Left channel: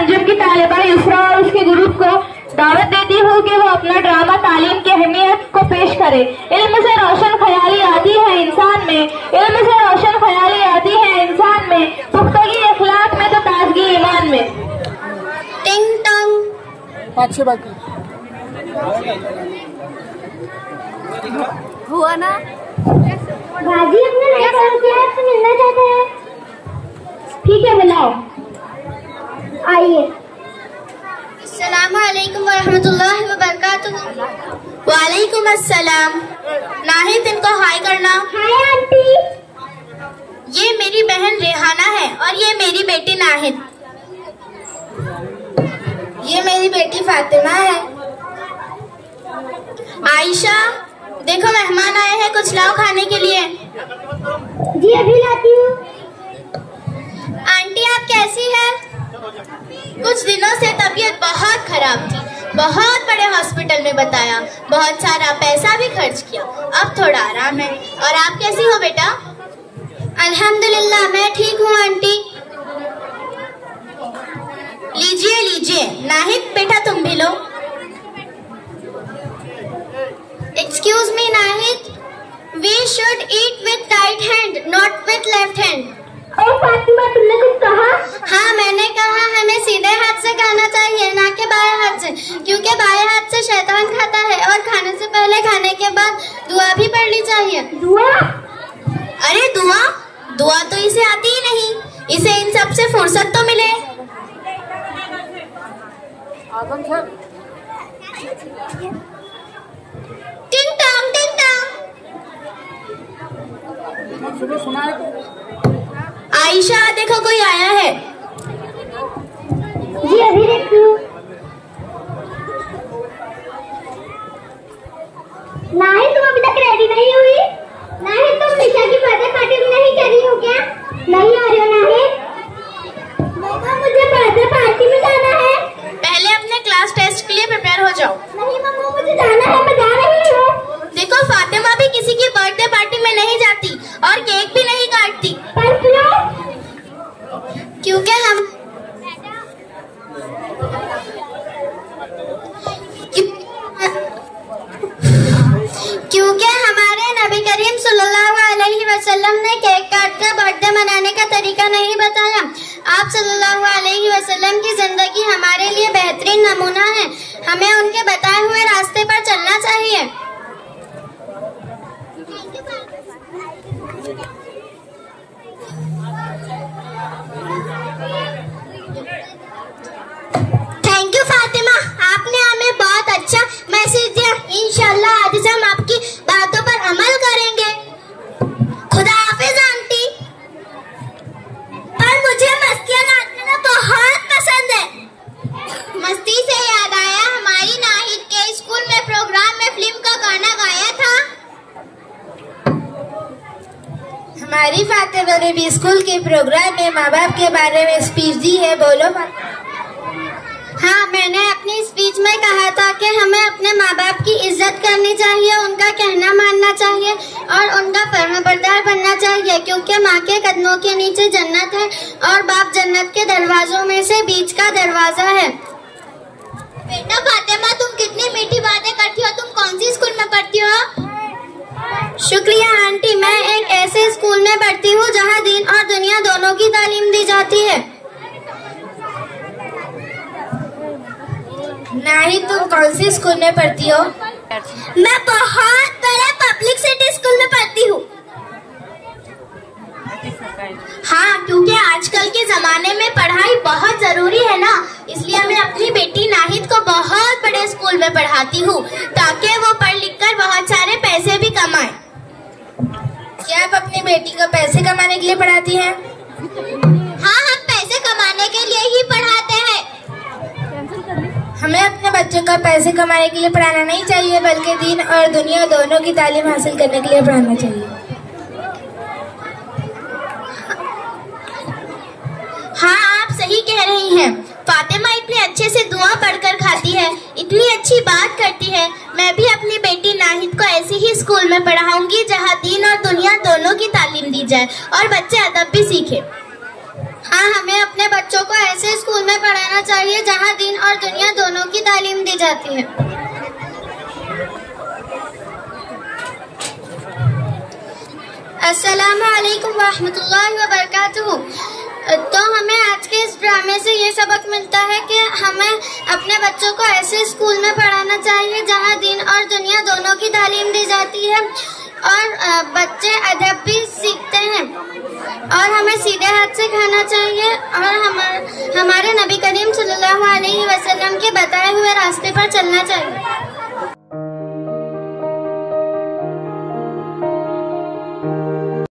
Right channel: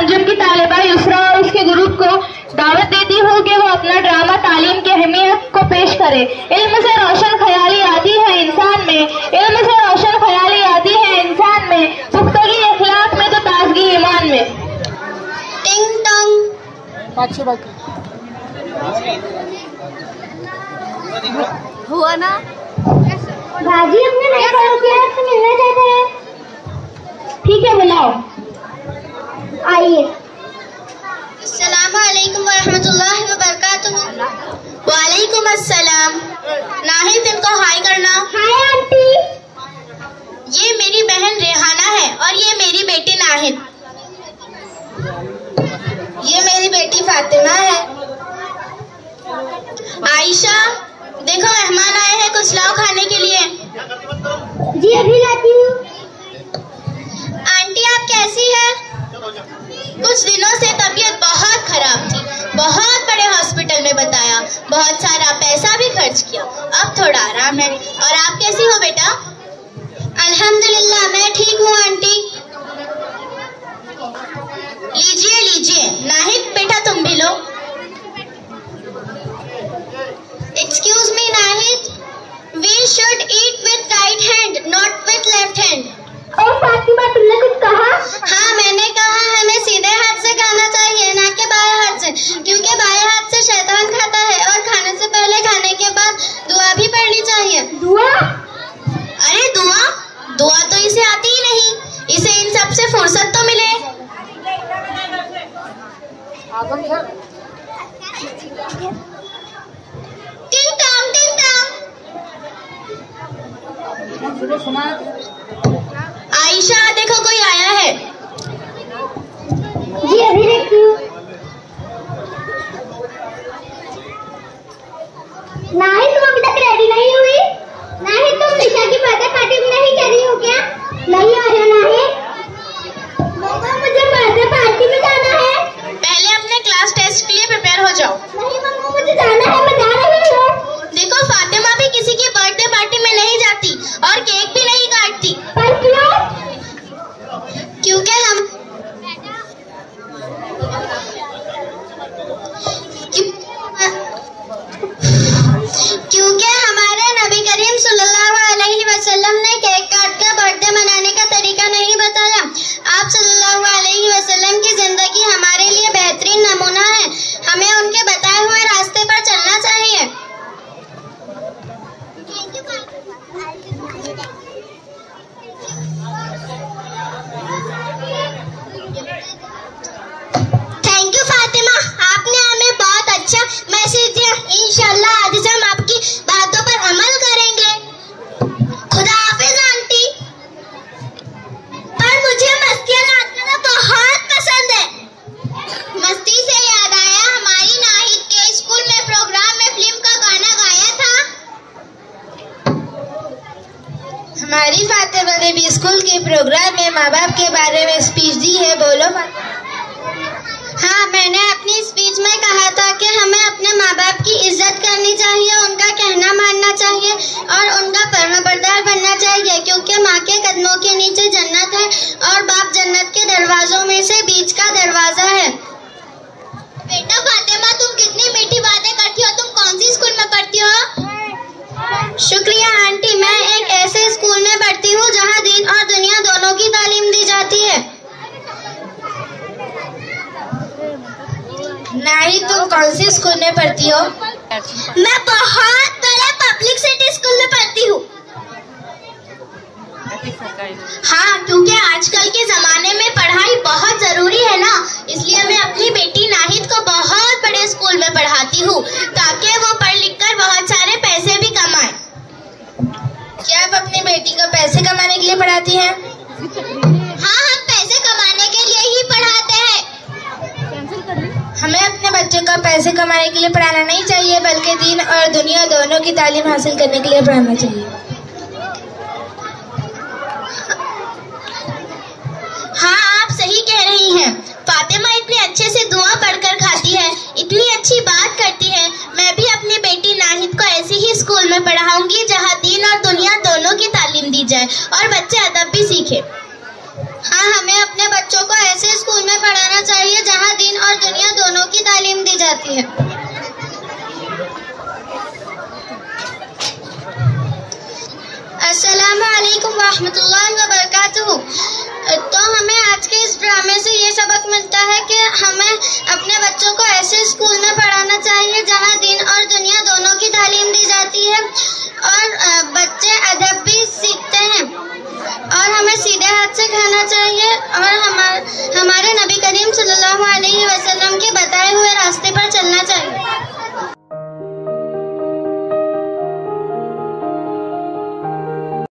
अंजुम की तालिबा युसरा और उसके ग्रुप को दावत देती हूँ कि वो अपना ड्रामा तालीम की अहमियत को पेश करे। इल्म से रोशन ख्याली आती है इंसान में, इल्म से रोशन ख्याली आती है इंसान में, पुख्तगी अखलाक में तो ताजगी ईमान में। टिंग टंग हुआ ना भाजी अपने नए साथीदार से मिलना चाहते हैं। ठीक है बुलाओ, आइए। अस्सलाम वालेकुम वरहमतुल्लाहि वबरकातुहू। वालेकुम अस्सलाम। नाहिद, इनको हाय करना। Hi aunty. ये मेरी बहन रेहाना है और ये मेरी बेटी नाहिद। ये मेरी बेटी फातिमा है। आयशा, देखो मेहमान आए हैं, कुछ लाओ खाने के लिए। जी अभी लाती हूँ। आंटी आप कैसी है? कुछ दिनों से तबीयत बहुत खराब थी, बहुत बड़े हॉस्पिटल में बताया, बहुत सारा पैसा भी खर्च किया, अब थोड़ा आराम है। और आप कैसी हो बेटा? अल्हम्दुलिल्लाह मैं ठीक हूँ आंटी। लीजिए लीजिए। नाहिद बेटा तुम भी लो। Excuse me Nahid, we should eat with right hand not with left hand. और फातिमा तुमने कुछ कहा? हाँ मैंने कहा हमें सीधे हाथ से खाना चाहिए, ना कि बाएं हाथ से, क्योंकि बाएं हाथ से शैतान खाता है और खाने से पहले खाने के बाद दुआ भी पढ़नी चाहिए। दुआ? अरे दुआ दुआ तो इसे आती ही नहीं, इसे इन सब से फुर्सत तो मिले। टिंग टांग टिंग टांग। आयशा देखो कोई आया है। जी अभी देखती हूँ। नाहिद तुम अभी तक रेडी नहीं हुई? नाहिद तुम निशा की बर्थडे पार्टी में नहीं जा रही हो क्या? नहीं आ रहा नाहिद? मम्मा मुझे बर्थडे पार्टी में जाना है। पहले अपने क्लास टेस्ट के लिए प्रिपेयर हो जाओ। नहीं मम्मा मुझे जाना है, मैं जा रही हूँ। देखो फातिमा भी किसी की बर्थडे पार्टी में नहीं जाती और केक भी नहीं काटती। पर क्यों? क्योंकि हमारे नबी करीम सल्लल्लाहु अलैहि वसल्लम ने केक काट कर बर्थडे मनाने का तरीका नहीं बताया। आप सल्लल्लाहु अलैहि वसल्लम की जिंदगी हमारे लिए बेहतरीन नमूना है, हमें उनके बताए हुए रास्ते पर चलना चाहिए। थैंक यू फातिमा, आपने हमें बहुत अच्छा मैसेज दिया। इंशाल्लाह आज से हम आपकी बातों पर अमल करेंगे। खुदा हाफिज आंटी। पर मुझे मस्तियाँ करना बहुत पसंद है। मस्ती से याद आया, हमारी नाहिद के स्कूल में प्रोग्राम में फिल्म का गाना गाया था। हमारी फातिमा ने भी स्कूल के प्रोग्राम में माँ बाप के बारे में स्पीच दी है। बोलो फातिमा। हाँ मैंने अपनी स्पीच में कहा था कि हमें अपने माँ बाप की इज्जत करनी चाहिए, उनका कहना मानना चाहिए और उनका फर्माबरदार बनना चाहिए, क्योंकि माँ के कदमों के नीचे जन्नत है और बाप जन्नत के दरवाजों में से बीच का दरवाजा है। बेटा फातिमा तुम कितनी मीठी बातें करती हो। तुम कौन सी स्कूल में पढ़ती हो? शुक्रिया आंटी, मैं एक ऐसे स्कूल में पढ़ती हूँ जहाँ दीन और दुनिया दोनों की तालीम दी जाती है। नाहिद तुम कौन सी स्कूल में पढ़ती हो? मैं बहुत बड़े पब्लिक सिटी स्कूल में पढ़ती हूँ। हाँ क्योंकि आजकल के जमाने में पढ़ाई बहुत जरूरी है ना, इसलिए मैं अपनी बेटी नाहिद को बहुत बड़े स्कूल में पढ़ाती हूँ ताकि वो पढ़ लिख कर बहुत सारे पैसे भी कमाए। क्या आप अपनी बेटी को पैसे कमाने के लिए पढ़ाती हैं? हाँ हम पैसे कमाने के लिए ही पढ़ाते हैं। हमें अपने बच्चों को पैसे कमाने के लिए पढ़ाना नहीं चाहिए, बल्कि दीन और दुनिया दोनों की तालीम हासिल करने के लिए पढ़ाना चाहिए। हाँ आप सही कह रही हैं। फातिमा इतने अच्छे से दुआ पढ़कर खाती है, इतनी अच्छी बात करती है। मैं भी अपनी बेटी नाहिद को ऐसे ही स्कूल में पढ़ाऊंगी जहाँ दीन और दुनिया दोनों की तालीम दी जाए और बच्चे अदब भी सीखे। हाँ हमें अपने बच्चों को ऐसे स्कूल में पढ़ाना चाहिए जाती है। अस्सलामु अलैकुम वरहमतुल्लाहि वबरकातुहू। तो हमें आज के इस ड्रामे से ये सबक मिलता है कि हमें अपने बच्चों को ऐसे स्कूल में पढ़ाना चाहिए जहाँ दीन और दुनिया दोनों की तालीम दी जाती है और बच्चे अदब भी सीखते हैं, और हमें सीधे हाथ से खाना चाहिए और हमारे नबी करीम सल्लल्लाहु अलैहि वसल्लम के बताए हुए रास्ते पर चलना चाहिए।